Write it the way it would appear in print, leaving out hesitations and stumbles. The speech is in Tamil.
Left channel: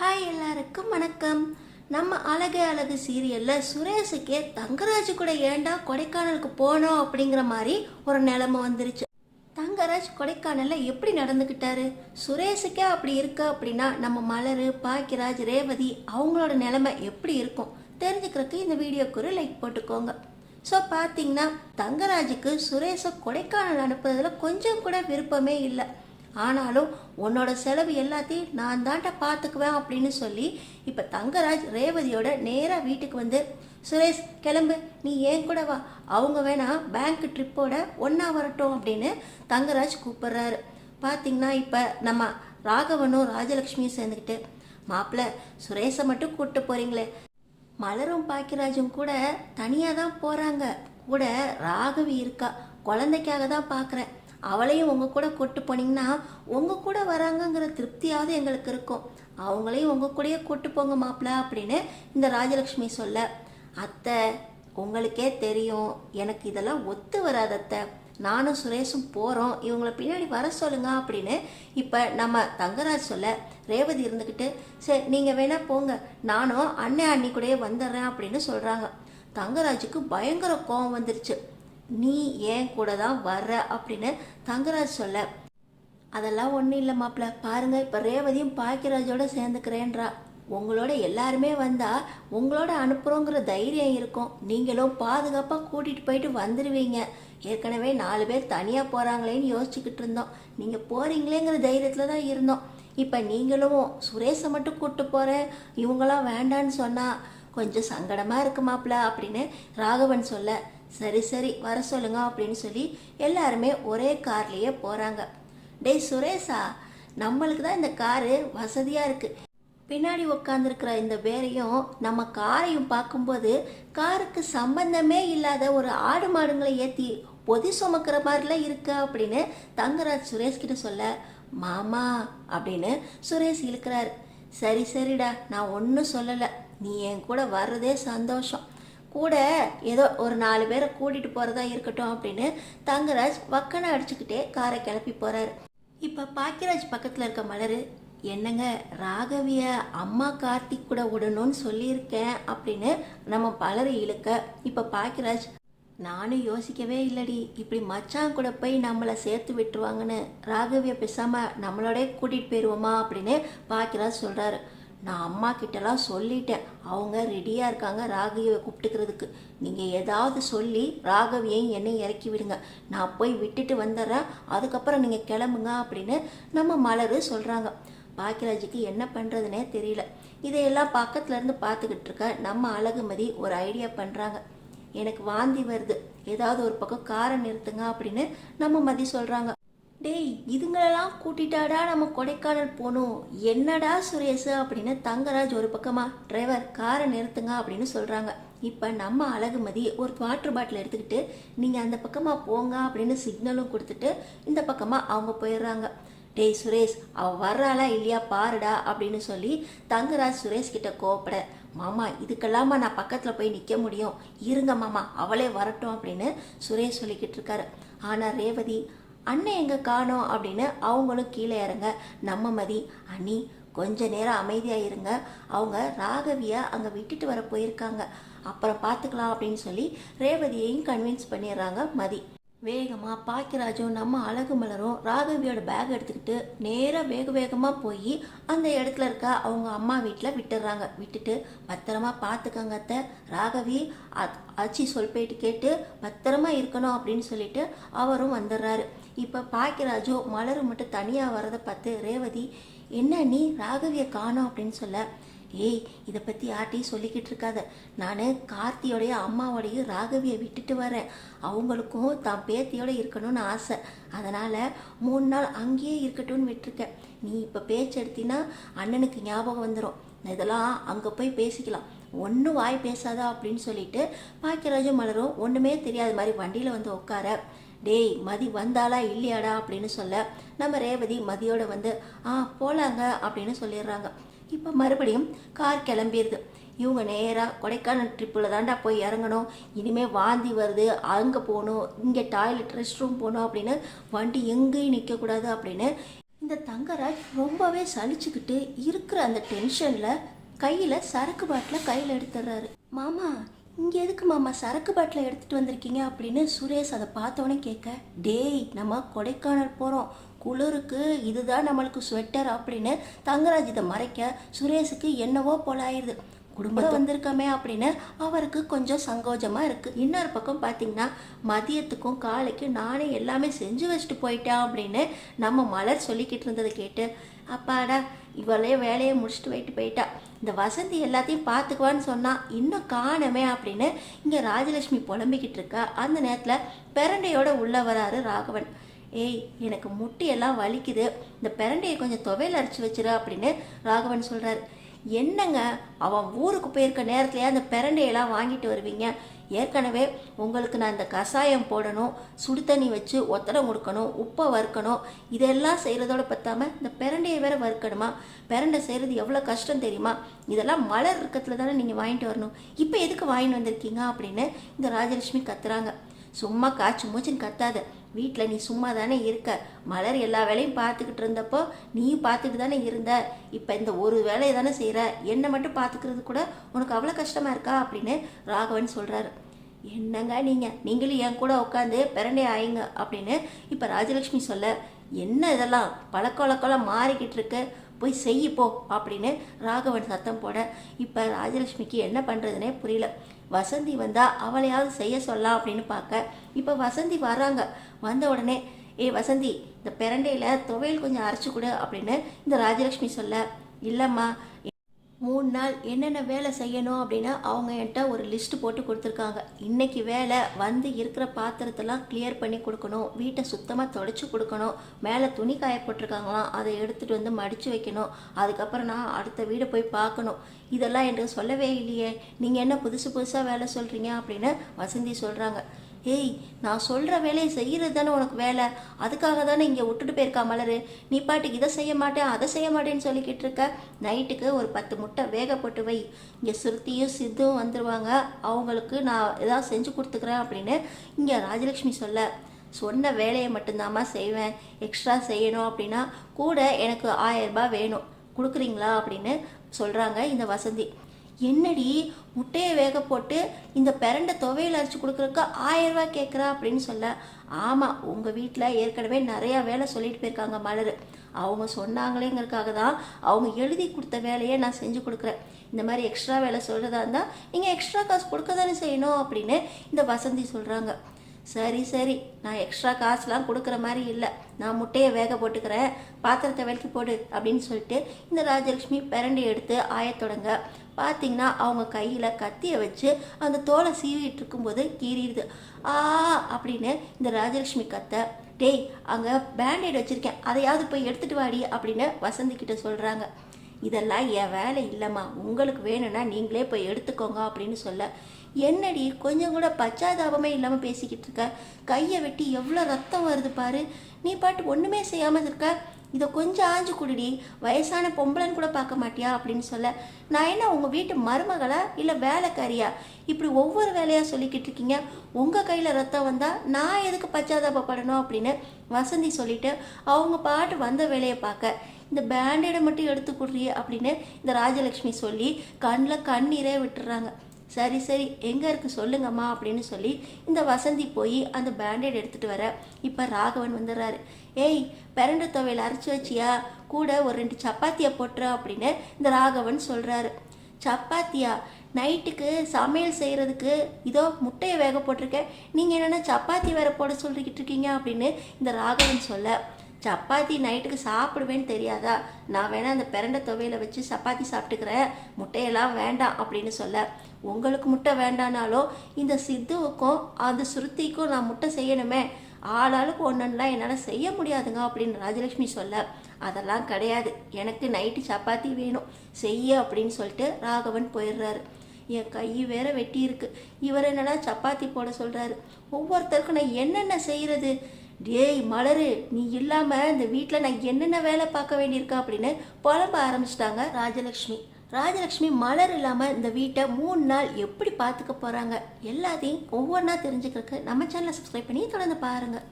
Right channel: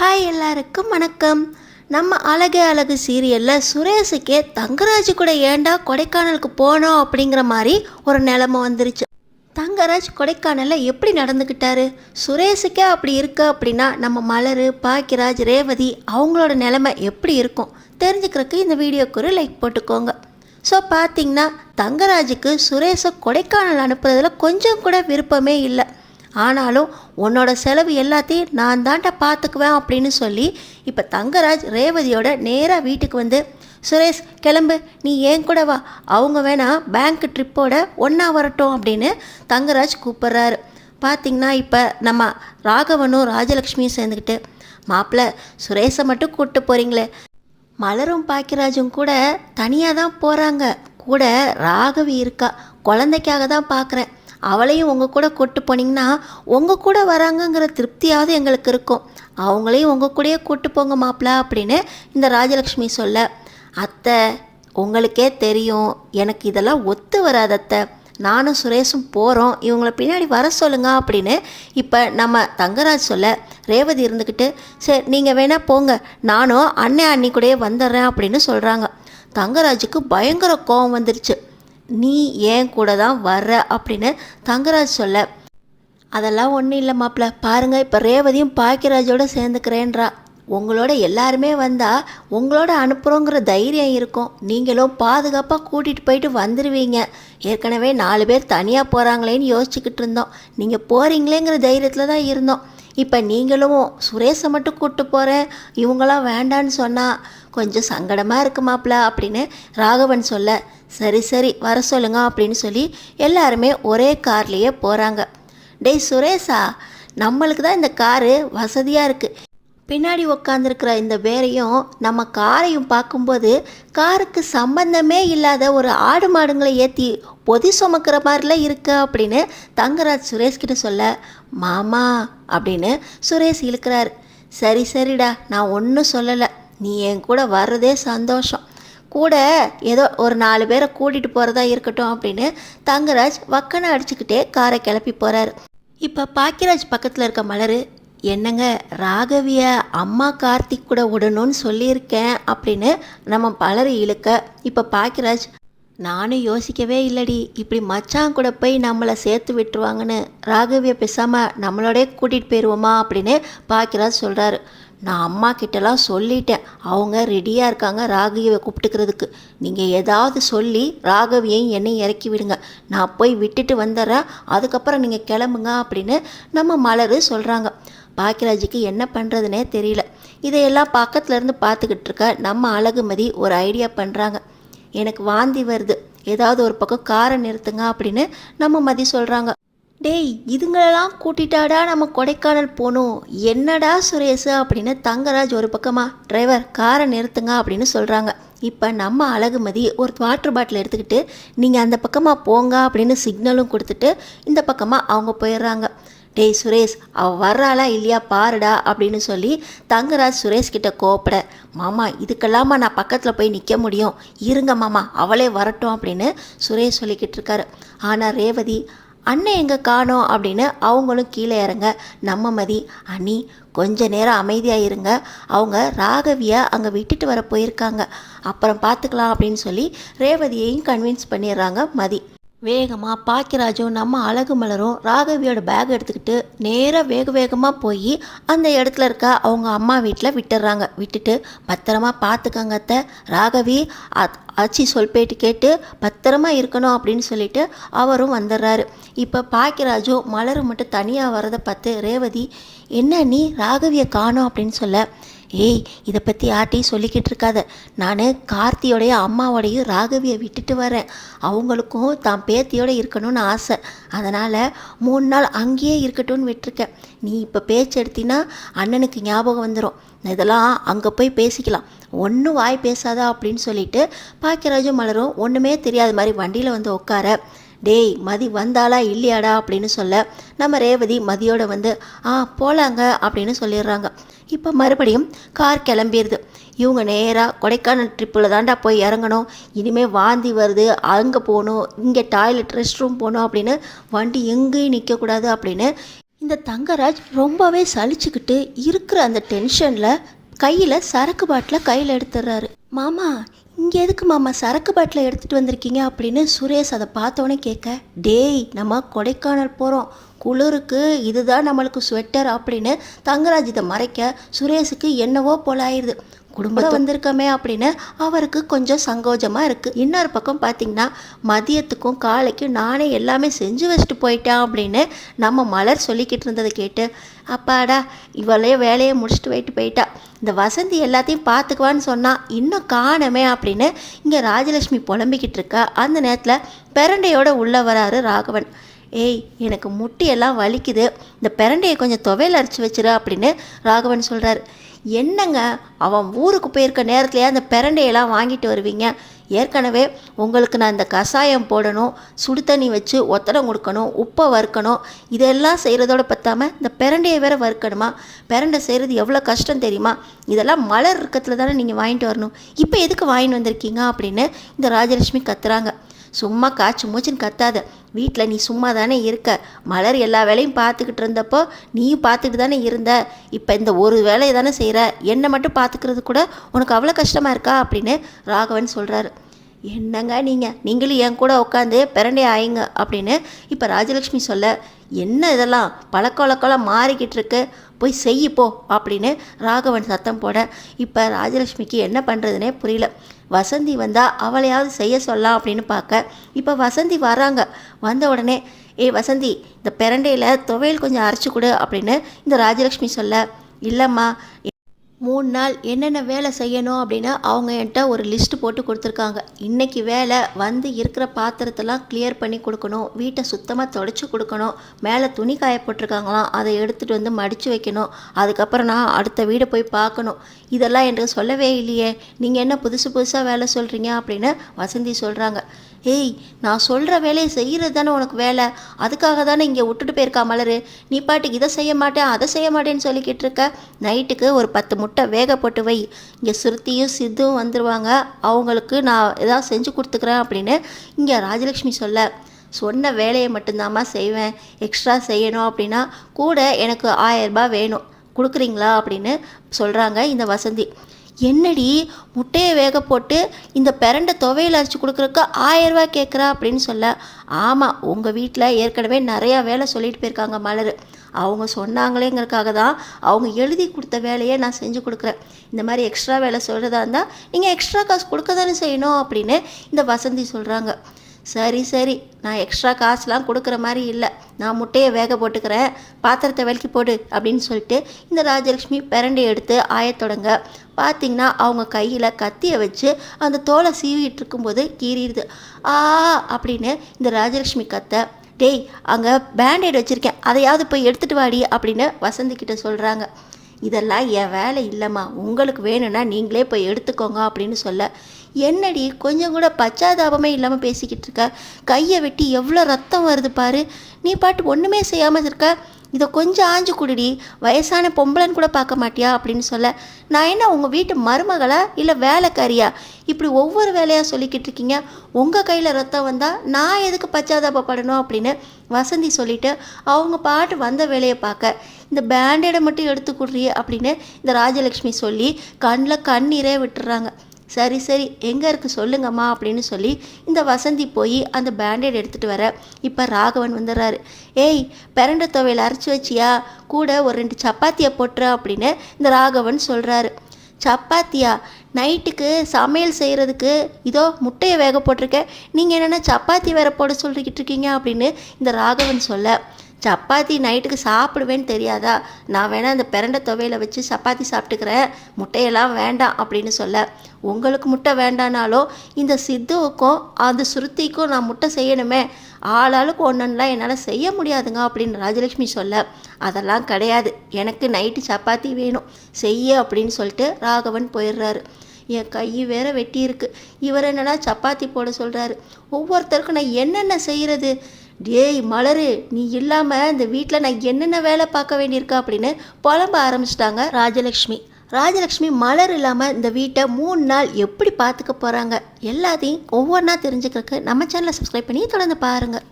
ஹாய் எல்லாருக்கும் வணக்கம். நம்ம அழகே அழகு சீரியலில் சுரேஷுக்கே தங்கராஜ் கூட ஏண்டா கொடைக்கானலுக்கு போனோம் அப்படிங்கிற மாதிரி ஒரு நிலைமை வந்துருச்சு. தங்கராஜ் கொடைக்கானலில் எப்படி நடந்துக்கிட்டாரு, சுரேஷுக்கே அப்படி இருக்கு அப்படின்னா நம்ம மலர், பாக்கியராஜ், ரேவதி அவங்களோட நிலைமை எப்படி இருக்கும் தெரிஞ்சுக்கிறதுக்கு இந்த வீடியோக்கு ஒரு லைக் போட்டுக்கோங்க. ஸோ பார்த்தீங்கன்னா தங்கராஜுக்கு சுரேஷை கொடைக்கானல் அனுப்புறதுல கொஞ்சம் கூட விருப்பமே இல்லை. ஆனாலும் உன்னோட செலவு எல்லாத்தையும் நான் தாண்டா பார்த்துக்குவேன் அப்படின்னு சொல்லி இப்போ தங்கராஜ் ரேவதியோட நேராக வீட்டுக்கு வந்து, சுரேஷ் கிளம்பு, நீ ஏன் கூட வா, அவங்க வேணா பேங்க் ட்ரிப்போட ஒன்றா வரட்டும் அப்படின்னு தங்கராஜ் கூப்பிட்றாரு. பார்த்திங்கன்னா இப்போ நம்ம ராகவனும் ராஜலக்ஷ்மியும் சேர்ந்துக்கிட்டு, மாப்பிள்ளை சுரேஷை மட்டும் கூப்பிட்டு போகிறீங்களே, மலரும் பாக்கியராஜும் கூட தனியாக தான் போகிறாங்க, கூட ராகவி இருக்கா, குழந்தைக்காக தான் பார்க்குறேன், அவளையும் உங்கள் கூட கூப்பிட்டு போனீங்கன்னா உங்கள் கூட வராங்கங்கிற திருப்தியாவது எங்களுக்கு இருக்கும், அவங்களையும் உங்கள் கூடயே கூப்பிட்டு போங்க மாப்பிள்ள அப்படின்னு இந்த ராஜலக்ஷ்மி சொல்ல, அத்தை உங்களுக்கே தெரியும் எனக்கு இதெல்லாம் ஒத்து வராது அத்தை, நானும் சுரேஷும் போகிறோம், இவங்களை பின்னாடி வர சொல்லுங்க அப்படின்னு இப்போ நம்ம தங்கராஜ் சொல்ல, ரேவதி இருந்துக்கிட்டு சரி நீங்கள் வேணால் போங்க, நானும் அண்ணி கூடயே வந்துடுறேன் அப்படின்னு சொல்கிறாங்க. தங்கராஜுக்கு பயங்கர கோபம் வந்துருச்சு. நீ ஏன் கூட தான் வர்ற அப்படின்னு தங்கராஜ் சொல்ல, அதெல்லாம் ஒன்றும் இல்லை மாப்பிள்ள, பாருங்கள் இப்போ ரேவதியும் பாக்கியராஜோட சேர்ந்துக்கிறேன்றா, உங்களோட எல்லாருமே வந்தால் உங்களோட அனுப்புகிறோங்கிற தைரியம் இருக்கும், நீங்களும் பாதுகாப்பாக கூட்டிகிட்டு போயிட்டு வந்துடுவீங்க, ஏற்கனவே 4 பேர் தனியாக போகிறாங்களேன்னு யோசிச்சுக்கிட்டு இருந்தோம், நீங்கள் போகிறீங்களேங்கிற தைரியத்தில் தான் இருந்தோம், இப்போ நீங்களும் சுரேஷை மட்டும் கூப்பிட்டு போகிறேன் இவங்களாம் வேண்டான்னு சொன்னால் கொஞ்சம் சங்கடமாக இருக்கு மாப்பிள்ள அப்படின்னு ராகவன் சொல்ல, சரி சரி வர சொல்லுங்க அப்படின்னு சொல்லி எல்லாருமே ஒரே கார்லேயே போகிறாங்க. டேய் சுரேஷா, நம்மளுக்கு தான் இந்த காரு வசதியாக இருக்குது, பின்னாடி உக்காந்துருக்கிற இந்த பேரையும் நம்ம காரையும் பார்க்கும்போது காருக்கு சம்பந்தமே இல்லாத ஒரு ஆடு மாடுங்களை ஏற்றி பொதி சுமக்கிற மாதிரிலாம் இருக்கு அப்படின்னு தங்கராஜ் சுரேஷ்கிட்ட சொல்ல, மாமா அப்படின்னு சுரேஷ் இழுக்கிறாரு. சரி சரிடா, நான் ஒன்றும் சொல்லலை, நீ என் கூட வர்றதே சந்தோஷம், கூட ஏதோ ஒரு 4 பேரை கூட்டிகிட்டு போகிறதா இருக்கட்டும் அப்படின்னு தங்கராஜ் வக்கனை அடிச்சுக்கிட்டே காரை கிளப்பி போகிறாரு. இப்போ பாக்கியராஜ் பக்கத்தில் இருக்க மலர், என்னங்க ராகவிய அம்மா கார்த்திக் கூட விடணும்னு சொல்லியிருக்கேன் அப்படின்னு நம்ம மலர் இழுக்க, இப்போ பாக்கியராஜ், நானும் யோசிக்கவே இல்லடி, இப்படி மச்சான் கூட போய் நம்மளை சேர்த்து விட்டுருவாங்கன்னு, ராகவியை பேசாமல் நம்மளோடய கூட்டிகிட்டு போயிடுவோமா அப்படின்னு பாக்கியராஜ் சொல்கிறாரு. நான் அம்மா கிட்டலாம் சொல்லிட்டேன், அவங்க ரெடியாக இருக்காங்க ராகவியை கூப்பிட்டுக்கிறதுக்கு, நீங்கள் ஏதாவது சொல்லி ராகவியையும் என்னையும் இறக்கி விடுங்க, நான் போய் விட்டுட்டு வந்துடுறேன், அதுக்கப்புறம் நீங்கள் கிளம்புங்க அப்படின்னு நம்ம மலர் சொல்கிறாங்க. பாக்கியராஜுக்கு என்ன பண்ணுறதுனே தெரியல. இதையெல்லாம் பக்கத்துலேருந்து பார்த்துக்கிட்டு இருக்க நம்ம அழகுமதி ஒரு ஐடியா பண்ணுறாங்க. எனக்கு வாந்தி வருது, ஏதாவது ஒரு பக்கம் காரை நிறுத்துங்க அப்படின்னு நம்ம மதி சொல்கிறாங்க. டேய் இதுங்களெல்லாம் கூட்டிட்டாடா நம்ம கொடைக்கானல் போகணும், என்னடா சுரேஷ் அப்படின்னு தங்கராஜ் ஒரு பக்கமாக, டிரைவர் காரை நிறுத்துங்க அப்படின்னு சொல்கிறாங்க. இப்போ நம்ம அழகுமதி ஒரு வாட்டர் பாட்டில் எடுத்துக்கிட்டு நீங்கள் அந்த பக்கமாக போங்க அப்படின்னு சிக்னலும் கொடுத்துட்டு இந்த பக்கமாக அவங்க போயிடுறாங்க. டேய் சுரேஷ் அவள் வர்றாளா இல்லையா பாருடா அப்படின்னு சொல்லி தங்கராஜ் சுரேஷ் கிட்ட கோப்பட, மாமா இதுக்கெல்லாமா நான் பக்கத்தில் போய் நிற்க முடியும், இருங்க மாமா அவளே வரட்டும் அப்படின்னு சுரேஷ் சொல்லிக்கிட்டு இருக்காரு. ஆனால் ரேவதி, அண்ணன் எங்கே காணோம் அப்படின்னு அவங்களும் கீழே இறங்க, நம்ம மதி, அண்ணி கொஞ்ச நேரம் அமைதியாக இருங்க, அவங்க ராகவியை அங்கே விட்டுட்டு வர போயிருக்காங்க, அப்புறம் பார்த்துக்கலாம் அப்படின்னு சொல்லி ரேவதியையும் கன்வின்ஸ் பண்ணிடுறாங்க மதி. வேகமாக பாக்கியராஜும் நம்ம அழகு மலரும் ராகவியோட பேக் எடுத்துக்கிட்டு நேராக வேகமாக போய் அந்த இடத்துல இருக்க அவங்க அம்மா வீட்டில் விட்டுடுறாங்க. விட்டுட்டு பத்திரமா பார்த்துக்கங்க அத்தை, ராகவி ஆச்சி சொல் பேட்டு கேட்டு பத்திரமா இருக்கணும் அப்படின்னு சொல்லிட்டு அவரும் வந்துடுறாரு. இப்போ பாக்கியராஜும் மலரும் மட்டும் தனியாக வரதை பார்த்து ரேவதி, என்ன நீ ராகவியை காணோம் அப்படின்னு சொல்ல, ஏய் இதை பற்றி யார்ட்டையும் சொல்லிக்கிட்டு இருக்காத, நான் கார்த்தியோடைய அம்மாவோடையும் ராகவியை விட்டுட்டு வரேன், அவங்களுக்கும் தான் பேத்தியோடு இருக்கணும்னு ஆசை, அதனால் 3 நாள் அங்கேயே இருக்கட்டும்னு விட்டுருக்கேன், நீ இப்போ பேச்சு எடுத்தினா அண்ணனுக்கு ஞாபகம் வந்துடும், இதெல்லாம் அங்கே போய் பேசிக்கலாம், ஒன்றும் வாய் பேசாதா அப்படின்னு சொல்லிட்டு பாக்கியராஜும் மலரும் ஒன்றுமே தெரியாத மாதிரி வண்டியில் வந்து உட்கார, டேய் மதி வந்தாளா இல்லையாடா அப்படின்னு சொல்ல, நம்ம ரேவதி மதியோட வந்து போகலாங்க அப்படின்னு சொல்லிடுறாங்க. இப்போ மறுபடியும் கார் கிளம்பிடுது. இவங்க நேராக கொடைக்கானல் ட்ரிப்பில் தாண்டா போய் இறங்கணும், இனிமேல் வாந்தி வருது, அங்கே போகணும், இங்கே டாய்லெட் ரெஸ்ட் ரூம் போகணும் அப்படின்னு வண்டி எங்கேயும் நிற்கக்கூடாது அப்படின்னு இந்த தங்கராஜ் ரொம்பவே சலிச்சுக்கிட்டு இருக்கிற அந்த டென்ஷனில் கையில் சரக்கு பாட்டிலை கையில் எடுத்துடுறாரு. மாமா, இங்கே எதுக்கு மாமா சரக்கு பாட்டிலை எடுத்துகிட்டு வந்திருக்கீங்க அப்படின்னு சுரேஷ் அதை பார்த்தோன்னே கேட்க, டேய் நம்ம கொடைக்கானல் போகிறோம், குளிருக்கு இதுதான் நம்மளுக்கு ஸ்வெட்டர் அப்படின்னு தங்கராஜ் இதை மறைக்க சுரேஷுக்கு என்னவோ போல ஆயிடுது. குடும்பத்தை வந்திருக்கமே அப்படின்னு அவருக்கு கொஞ்சம் சங்கோஜமாக இருக்குது. இன்னொரு பக்கம் பார்த்திங்கன்னா மதியத்துக்கும் காலைக்கும் நானே எல்லாமே செஞ்சு வச்சுட்டு போயிட்டேன் அப்படின்னு நம்ம மலர் சொல்லிக்கிட்டு இருந்ததை கேட்டு, அப்பாடா இவளையே வேலையை முடிச்சுட்டு போயிட்டா, இந்த வசந்தி எல்லாத்தையும் பார்த்துக்குவான்னு சொன்னால் இன்னும் காணமே அப்படின்னு இங்கே ராஜலட்சுமி புலம்பிக்கிட்டு இருக்கா. அந்த நேரத்தில் பிரண்டையோட உள்ளே வராரு ராகவன். ஏய், எனக்கு முட்டியெல்லாம் வலிக்குது, இந்த பிரண்டையை கொஞ்சம் துவையல் அரைச்சி வச்சிரு அப்படின்னு ராகவன் சொல்கிறாரு. என்னங்க, அவன் ஊருக்கு போயிருக்க நேரத்துலையே அந்த பிரண்டையெல்லாம் வாங்கிட்டு வருவீங்க? ஏற்கனவே உங்களுக்கு நான் இந்த கஷாயம் போடணும், சுடு தண்ணி வச்சு ஒத்தடம் கொடுக்கணும், உப்பை வறுக்கணும், இதெல்லாம் செய்கிறதோட பற்றாமல் இந்த பிரண்டையை வேற வறுக்கணுமா? பிரண்டை செய்கிறது எவ்வளோ கஷ்டம் தெரியுமா? இதெல்லாம் மலர் இருக்கத்தில் தானே நீங்கள் வாங்கிட்டு வரணும், இப்போ எதுக்கு வாங்கிட்டு வந்திருக்கீங்க அப்படின்னு இந்த ராஜலட்சுமி கத்துறாங்க. சும்மா காய்ச்சி மூச்சுன்னு கத்தாத, வீட்டில் நீ சும்மா தானே இருக்க, மலர் எல்லா வேலையும் பார்த்துக்கிட்டு இருந்தப்போ நீயும் பார்த்துக்கிட்டு தானே இருந்த, இப்போ இந்த ஒரு வேலையை தானே செய்கிற, என்னை மட்டும் பார்த்துக்கிறது கூட உனக்கு அவ்வளோ கஷ்டமாக இருக்கா அப்படின்னு ராகவன் சொல்கிறாரு. என்னங்க நீங்களும் என் கூட உட்காந்து பிரண்டே ஆயிங்க அப்படின்னு இப்போ ராஜலட்சுமி சொல்ல, என்ன இதெல்லாம் பழக்க வழக்கெல்லாம் மாறிக்கிட்டு இருக்கு, போய் செய்யிப்போ அப்படின்னு ராகவன் சத்தம் போட இப்போ ராஜலட்சுமிக்கு என்ன பண்ணுறதுனே புரியல. வசந்தி வந்தால் அவளையாவது செய்ய சொல்லலாம் அப்படின்னு பார்க்க இப்போ வசந்தி வராங்க. வந்த உடனே, ஏய் வசந்தி, இந்த பிரண்டையில் துவையல் கொஞ்சம் அரைச்சி கொடு அப்படின்னு இந்த ராஜலட்சுமி சொல்ல, இல்லைம்மா 3 நாள் என்னென்ன வேலை செய்யணும் அப்படின்னு அவங்க என்கிட்ட ஒரு லிஸ்ட்டு போட்டு கொடுத்துருக்காங்க. இன்றைக்கி வேலை வந்து இருக்கிற பாத்திரத்தெல்லாம் கிளியர் பண்ணி கொடுக்கணும், வீட்டை சுத்தமாக தொடச்சி கொடுக்கணும், மேலே துணி காய போட்டிருக்காங்களாம் அதை எடுத்துகிட்டு வந்து மடித்து வைக்கணும், அதுக்கப்புறம் நான் அடுத்த வீடை போய் பார்க்கணும். இதெல்லாம் எனக்கு சொல்லவே இல்லையே, நீங்கள் என்ன புதுசாக வேலை சொல்கிறீங்க அப்படின்னு வசந்தி சொல்கிறாங்க. ஏய், நான் சொல்கிற வேலையை செய்கிறது தானே உனக்கு வேலை, அதுக்காக தானே இங்கே விட்டுட்டு போயிருக்கா மலர், நீ பாட்டுக்கு இதை செய்ய மாட்டேன் அதை செய்ய மாட்டேன்னு சொல்லிக்கிட்டு இருக்க. நைட்டுக்கு ஒரு 10 முட்டை வேக போட்டு வை, இங்கே சுருத்தியும் சித்தும் வந்துடுவாங்க, அவங்களுக்கு நான் ஏதாவது செஞ்சு கொடுத்துக்கிறேன் அப்படின்னு இங்கே ராஜலட்சுமி சொல்ல, சொன்ன வேலையை மட்டும்தாம்மா செய்வேன், எக்ஸ்ட்ரா செய்யணும் அப்படின்னா கூட எனக்கு 1000 ரூபாய் வேணும், கொடுக்குறீங்களா அப்படின்னு சொல்கிறாங்க இந்த வசந்தி. என்னடி முட்டையை வேக போட்டு இந்த பிரண்டை துவையில் அரைச்சி கொடுக்குறக்கு 1000 ரூபாய் கேட்குறா அப்படின்னு சொல்ல, ஆமாம் உங்கள் வீட்டில் ஏற்கனவே நிறையா வேலை சொல்லிட்டு போயிருக்காங்க மலர், அவங்க சொன்னாங்களேங்கிறதுக்காக தான் அவங்க எழுதி கொடுத்த வேலையை நான் செஞ்சு கொடுக்குறேன், இந்த மாதிரி எக்ஸ்ட்ரா வேலை சொல்கிறதா இருந்தால் நீங்கள் எக்ஸ்ட்ரா காசு கொடுக்க தானே செய்யணும் அப்படின்னு இந்த வசந்தி சொல்கிறாங்க. சரி, நான் எக்ஸ்ட்ரா காசுலாம் கொடுக்குற மாதிரி இல்லை, நான் முட்டையை வேக போட்டுக்கிறேன், பாத்திரத்தை விலக்கி போடு அப்படின்னு சொல்லிட்டு இந்த ராஜலட்சுமி பிரண்டை எடுத்து ஆயத்தொடங்க. பார்த்திங்கன்னா அவங்க கையில் கத்தியை வச்சு அந்த தோலை சீவிட்டு இருக்கும்போது கீறிடுது. அப்படின்னு இந்த ராஜலட்சுமி கத்த, டேய் அங்கே பேண்டேட் வச்சுருக்கேன், அதையாவது போய் எடுத்துகிட்டு வாடி அப்படின்னு வசந்திக்கிட்ட சொல்கிறாங்க. இதெல்லாம் என் வேலை இல்லைம்மா, உங்களுக்கு வேணும்னா நீங்களே போய் எடுத்துக்கோங்க அப்படின்னு சொல்ல, என்னடி கொஞ்சம் கூட பச்சாதாபமே இல்லாமல் பேசிக்கிட்டு இருக்க, கையை வெட்டி எவ்வளோ ரத்தம் வருது பாரு, நீ பாட்டு ஒன்றுமே செய்யாமல் இருக்க, இதை கொஞ்சம் ஆஞ்சு குடிடி, வயசான பொம்பளைன்னு கூட பார்க்க மாட்டியா அப்படின்னு சொல்ல, நான் என்ன உங்கள் வீட்டு மருமகளா இல்லை வேலைக்காரியா, இப்படி ஒவ்வொரு வேலையாக சொல்லிக்கிட்டு இருக்கீங்க, உங்கள் கையில் ரத்தம் வந்தால் நான் எதுக்கு பச்சாதாபப்படணும் அப்படின்னு வசந்தி சொல்லிவிட்டு அவங்க பாட்டு வந்த வேலையை பார்க்க, இந்த பேண்டேடை மட்டும் எடுத்து கொடுறியே அப்படின்னு இந்த ராஜலட்சுமி சொல்லி கண்ணில் கண்ணீரே விட்டுறாங்க. சரி எங்கே இருக்குது சொல்லுங்கம்மா அப்படின்னு சொல்லி இந்த வசந்தி போய் அந்த பேண்டேட் எடுத்துகிட்டு வர இப்போ ராகவன் வந்துடுறாரு. ஏய், பிரண்டை துவையல் அரைச்சி வச்சியா, கூட ஒரு 2 சப்பாத்தியை போட்டுற அப்படின்னு இந்த ராகவன் சொல்கிறாரு. சப்பாத்தியா? நைட்டுக்கு சமையல் செய்கிறதுக்கு இதோ முட்டையை வேக போட்டிருக்கேன், நீங்கள் என்னென்னா சப்பாத்தி வேற போட சொல்லிக்கிட்டு இருக்கீங்க அப்படின்னு இந்த ராகவன் சொல்ல, சப்பாத்தி நைட்டுக்கு சாப்பிடுவேன்னு தெரியாதா, நான் வேணால் அந்த பிரண்டை துவையில் வச்சு சப்பாத்தி சாப்பிட்டுக்கிறேன், முட்டையெல்லாம் வேண்டாம் அப்படின்னு சொல்ல, உங்களுக்கு முட்டை வேண்டானாலும் இந்த சித்துவுக்கும் அந்த சுருத்திக்கும் நான் முட்டை செய்யணுமே, ஆளாளுக்கு ஒன்றுலாம் என்னால் செய்ய முடியாதுங்க அப்படின்னு ராஜலட்சுமி சொல்ல, அதெல்லாம் கிடையாது, எனக்கு நைட்டு சப்பாத்தி வேணும் செய்ய அப்படின்னு சொல்லிட்டு ராகவன் போயிடுறாரு. என் கை வேற வெட்டி இருக்கு, இவர் என்னன்னா சப்பாத்தி போட சொல்கிறாரு, ஒவ்வொருத்தருக்கும் நான் என்னென்ன செய்கிறது, டேய் மலரு, நீ இல்லாமல் இந்த வீட்டில் நான் என்னென்ன வேலை பார்க்க வேண்டியிருக்கா அப்படின்னு புலம்ப ஆரம்பிச்சிட்டாங்க ராஜலக்ஷ்மி மலர் இல்லாமல் இந்த வீட்டை 3 நாள் எப்படி பார்த்துக்க போகிறாங்க எல்லாத்தையும் ஒவ்வொன்றா தெரிஞ்சுக்கிறதுக்கு நம்ம சேனலை சப்ஸ்கிரைப் பண்ணி தொடர்ந்து பாருங்கள்.